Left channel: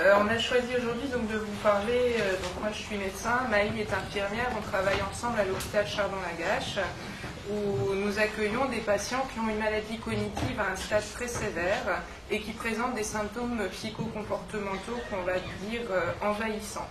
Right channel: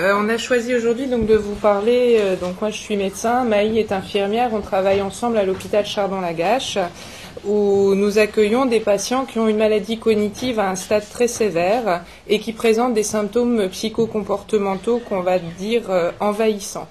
On a choisi aujourd'hui donc de vous parler, donc moi je suis médecin, Maï est infirmière, on travaille ensemble à l'hôpital Chardon-Lagache où nous accueillons des patients qui ont une maladie cognitive à un stade très sévère et qui présentent des symptômes psychocomportementaux qu'on va dire envahissants.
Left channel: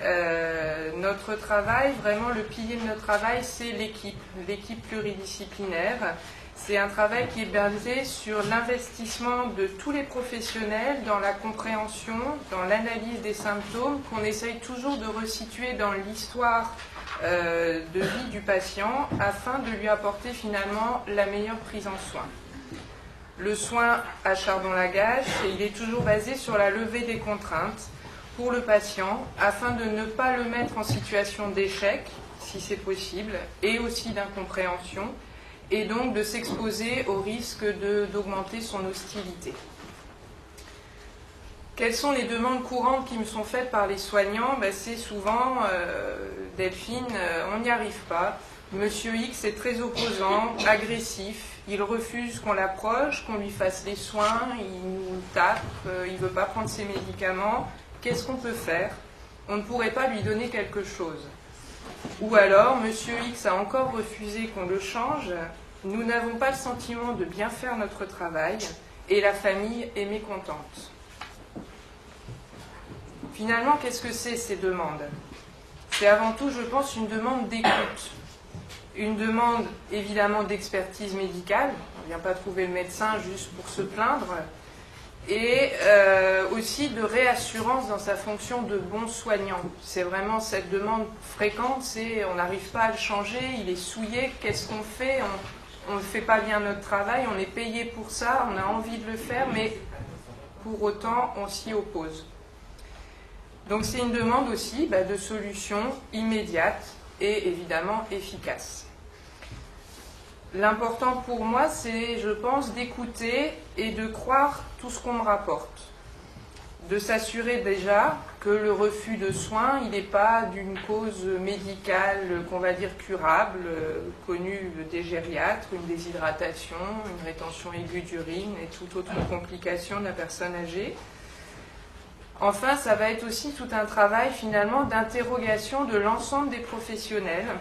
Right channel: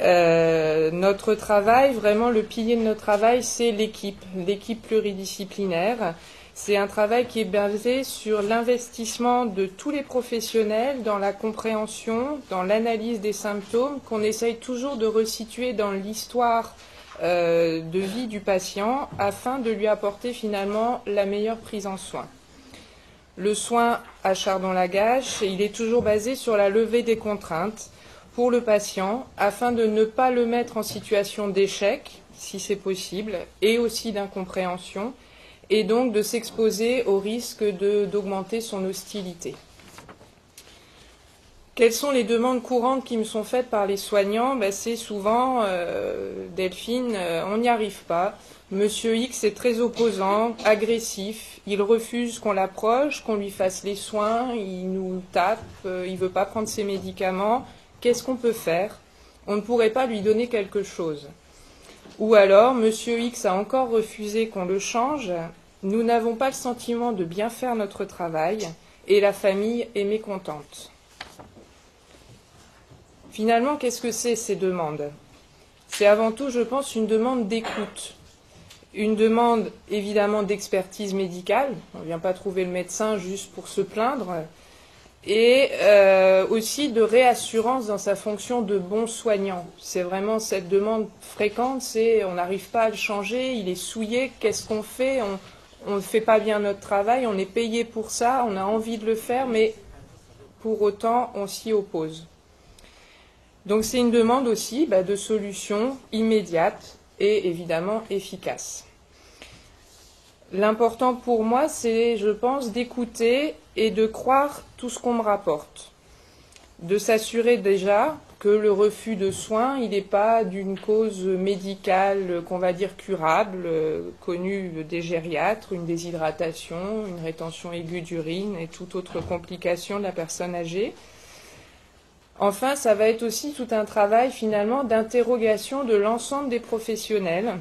Notre travail, vraiment le pilier de notre travail, c'est l'équipe pluridisciplinaire. C'est un travail qui est basé sur l'investissement de tous les professionnels dans la compréhension, dans l'analyse des symptômes, qu'on essaye toujours de resituer dans l'histoire de vie du patient afin de lui apporter finalement la meilleure prise en soin. Le soin à Chardon-Lagache, il est toujours basé sur la levée des contraintes pour le patient afin de ne pas le mettre en situation d'échec, si c'est possible, et aussi d'incompréhension, et donc de s'exposer au risque d'augmenter son hostilité. Quelles sont les demandes courantes qui me sont faites par les soignants? C'est souvent, Delphine, on n'y arrive pas. Monsieur X est très opposant, agressif, il refuse qu'on l'approche, qu'on lui fasse les soins, il nous tape, il ne veut pas prendre ses médicaments. Qu'est-ce qu'on peut faire? On ne pourrait pas lui donner quelque chose. Ou alors, Monsieur X a encore refusé qu'on le change, nous n'avons pas le sentiment de bien faire notre travail et la famille est mécontente. Finalement, qu'est-ce que c'est ces demandes? C'est avant tout, je pense, une demande d'écoute. Une demande évidemment d'expertise médicale, on ne vient pas trouver le médecin juste pour se plaindre, et aussi de réassurance dans sa fonction de bon soignant. C'est vraiment cette demande fréquente, c'est on n'arrive pas à le changer, il est souillé, qu'est-ce qu'on fait? On ne fait pas bien notre travail, on est payé pour ça, on a envie de le faire, mais pour autant on s'y oppose. Donc c'est une demande aussi de solutions immédiates et évidemment efficaces. L'important pour moi, c'est, je pense, d'écouter et de croire tout ce qu'on me rapporte. De s'assurer déjà que le refus de soins, il n'est pas d'une cause médicale qu'on va dire curable, connue des gériatres, une déshydratation, une rétention aiguë d'urine et toute autre complication de la personne âgée. Enfin, ça va être aussi tout un travail finalement d'interrogation de l'ensemble des professionnels,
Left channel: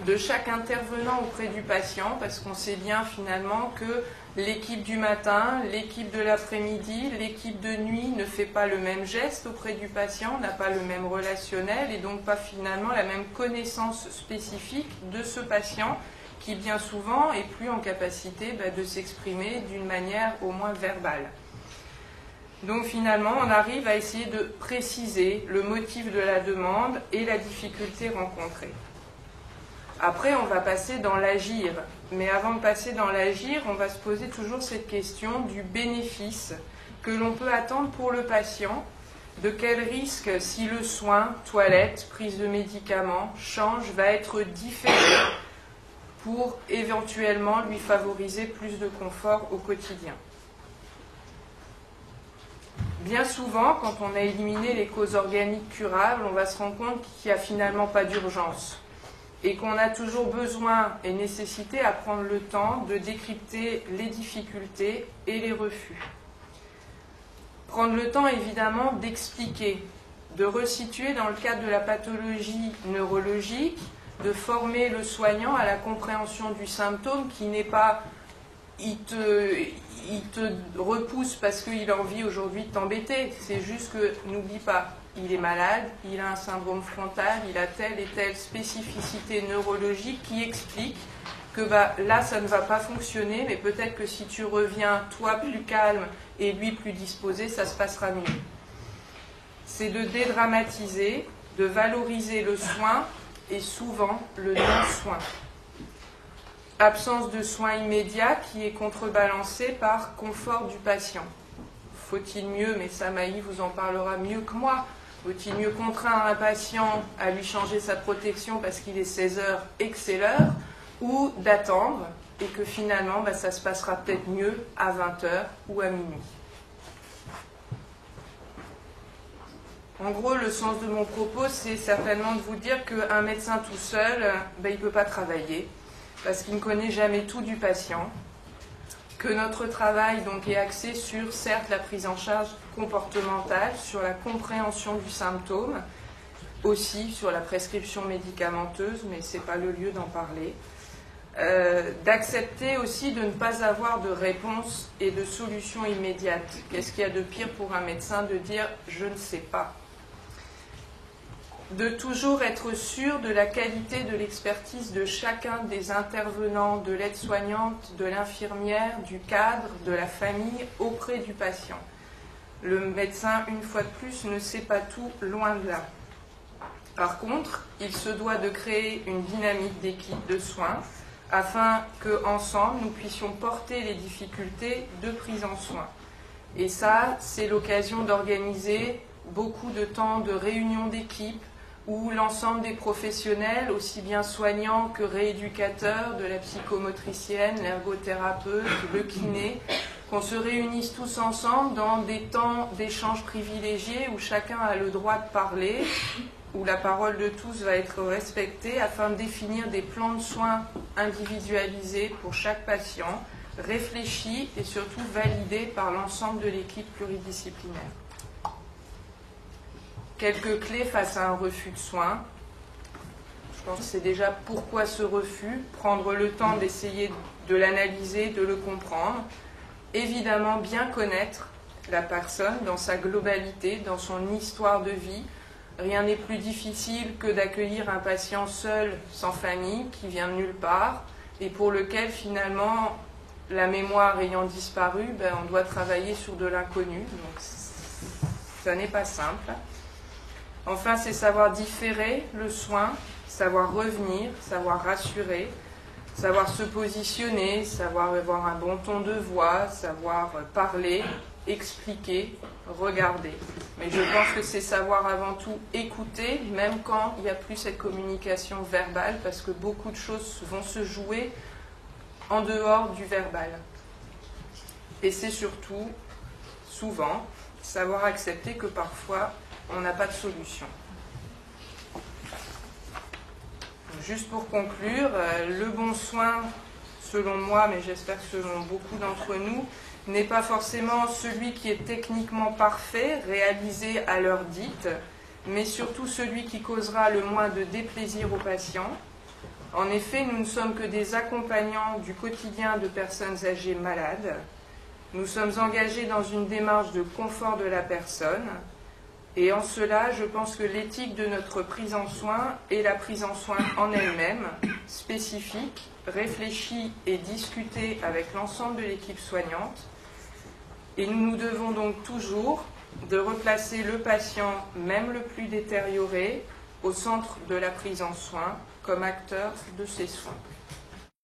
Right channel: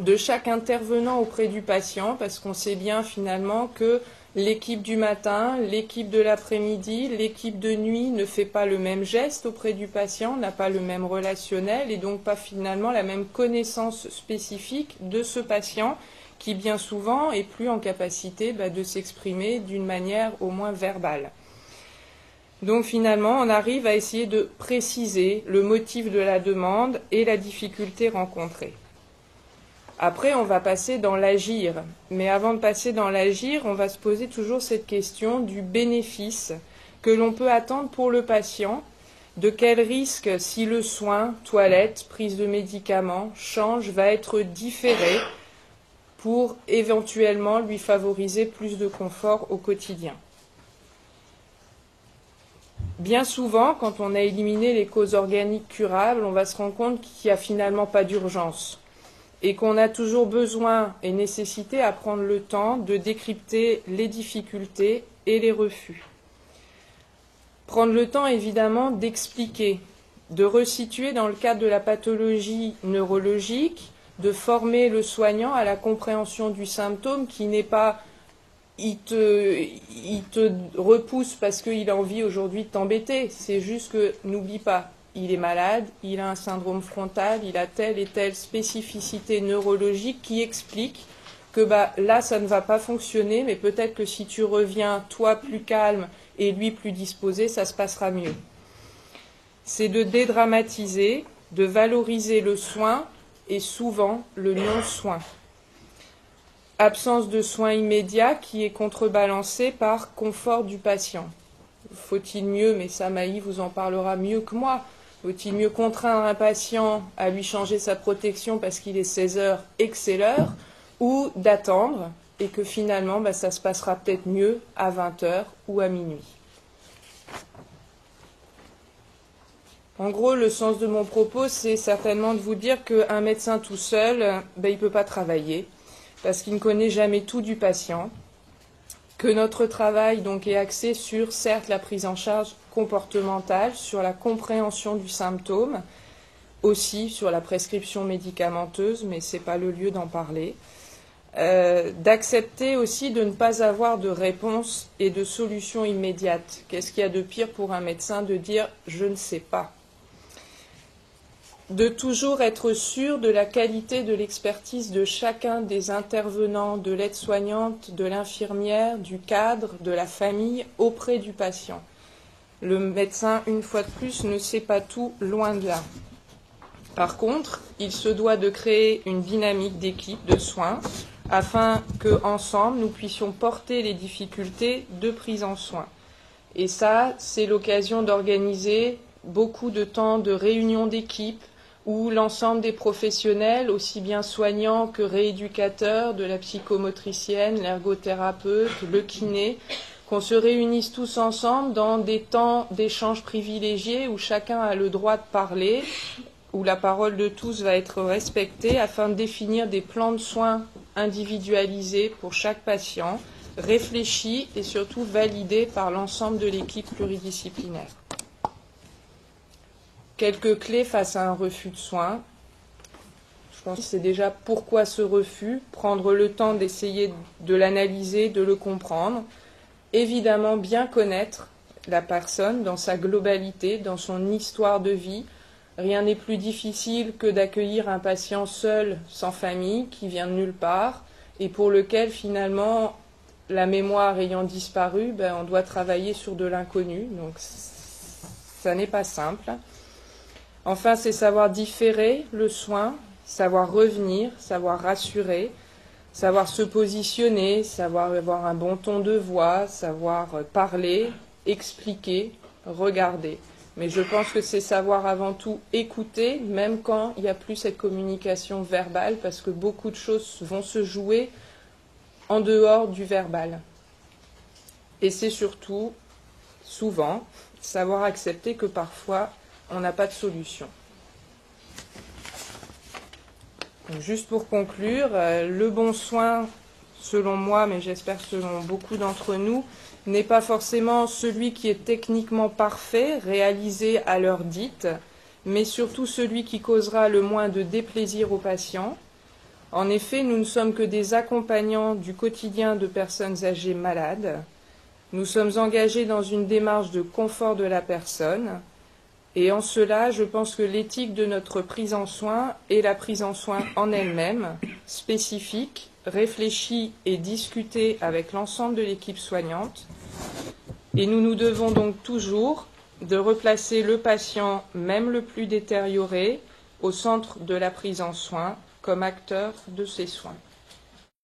de chaque intervenant auprès du patient, parce qu'on sait bien finalement que l'équipe du matin, l'équipe de l'après-midi, l'équipe de nuit ne fait pas le même geste auprès du patient, n'a pas le même relationnel et donc pas finalement la même connaissance spécifique de ce patient qui bien souvent est plus en capacité de s'exprimer d'une manière au moins verbale. Donc finalement, on arrive à essayer de préciser le motif de la demande et la difficulté rencontrée. Après, on va passer dans l'agir. Mais avant de passer dans l'agir, on va se poser toujours cette question du bénéfice que l'on peut attendre pour le patient. De quel risque, si le soin, toilette, prise de médicaments, change, va être différé pour éventuellement lui favoriser plus de confort au quotidien. Bien souvent, quand on a éliminé les causes organiques curables, on va se rendre compte qu'il n'y a finalement pas d'urgence et qu'on a toujours besoin et nécessité à prendre le temps de décrypter les difficultés et les refus. Prendre le temps, évidemment, d'expliquer, de resituer dans le cadre de la pathologie neurologique, de former le soignant à la compréhension du symptôme qui n'est pas il te repousse parce qu'il a envie aujourd'hui de t'embêter. C'est juste que, n'oublie pas, il est malade, il a un syndrome frontal, il a telle et telle spécificité neurologique qui explique que là, ça ne va pas fonctionner, mais peut-être que si tu reviens, toi, plus calme et lui plus disposé, ça se passera mieux. C'est de dédramatiser, de valoriser le soin et souvent le non-soin. Absence de soins immédiats qui est contrebalancée par confort du patient. Faut-il mieux, mais ça Maï vous en parlera mieux que moi, faut-il mieux contraindre un patient à lui changer sa protection parce qu'il est 16h et que c'est l'heure, ou d'attendre et que finalement ça se passera peut-être mieux à 20h ou à minuit. En gros, le sens de mon propos, c'est certainement de vous dire qu'un médecin tout seul, il ne peut pas travailler, parce qu'il ne connaît jamais tout du patient, que notre travail donc est axé sur, certes, la prise en charge comportementale, sur la compréhension du symptôme, aussi sur la prescription médicamenteuse, mais ce n'est pas le lieu d'en parler. D'accepter aussi de ne pas avoir de réponse et de solution immédiate. Qu'est-ce qu'il y a de pire pour un médecin de dire « je ne sais pas ». De toujours être sûr de la qualité de l'expertise de chacun des intervenants, de l'aide-soignante, de l'infirmière, du cadre, de la famille, auprès du patient. Le médecin, une fois de plus, ne sait pas tout, loin de là. Par contre, il se doit de créer une dynamique d'équipe de soins afin qu'ensemble, nous puissions porter les difficultés de prise en soin. Et ça, c'est l'occasion d'organiser beaucoup de temps de réunions d'équipe, où l'ensemble des professionnels, aussi bien soignants que rééducateurs, de la psychomotricienne, l'ergothérapeute, le kiné, qu'on se réunisse tous ensemble dans des temps d'échange privilégiés où chacun a le droit de parler, où la parole de tous va être respectée afin de définir des plans de soins individualisés pour chaque patient, réfléchis et surtout validés par l'ensemble de l'équipe pluridisciplinaire. Quelques clés face à un refus de soins. Je pense que c'est déjà pourquoi ce refus, prendre le temps d'essayer de l'analyser, de le comprendre. Évidemment, bien connaître la personne dans sa globalité, dans son histoire de vie. Rien n'est plus difficile que d'accueillir un patient seul, sans famille, qui vient de nulle part, et pour lequel finalement, la mémoire ayant disparu, on doit travailler sur de l'inconnu. Donc ça n'est pas simple. Enfin, c'est savoir différer le soin, savoir revenir, savoir rassurer, savoir se positionner, savoir avoir un bon ton de voix, savoir parler, expliquer, regarder. Mais je pense que c'est savoir avant tout écouter, même quand il n'y a plus cette communication verbale, parce que beaucoup de choses vont se jouer en dehors du verbal. Et c'est surtout, souvent, savoir accepter que parfois, on n'a pas de solution. Juste pour conclure, le bon soin, selon moi, mais j'espère selon beaucoup d'entre nous, n'est pas forcément celui qui est techniquement parfait, réalisé à l'heure dite, mais surtout celui qui causera le moins de déplaisir aux patients. En effet, nous ne sommes que des accompagnants du quotidien de personnes âgées malades. Nous sommes engagés dans une démarche de confort de la personne. Et en cela, je pense que l'éthique de notre prise en soin est la prise en soin en elle-même, spécifique, réfléchie et discutée avec l'ensemble de l'équipe soignante. Et nous nous devons donc toujours de replacer le patient, même le plus détérioré, au centre de la prise en soin, comme acteur de ces soins.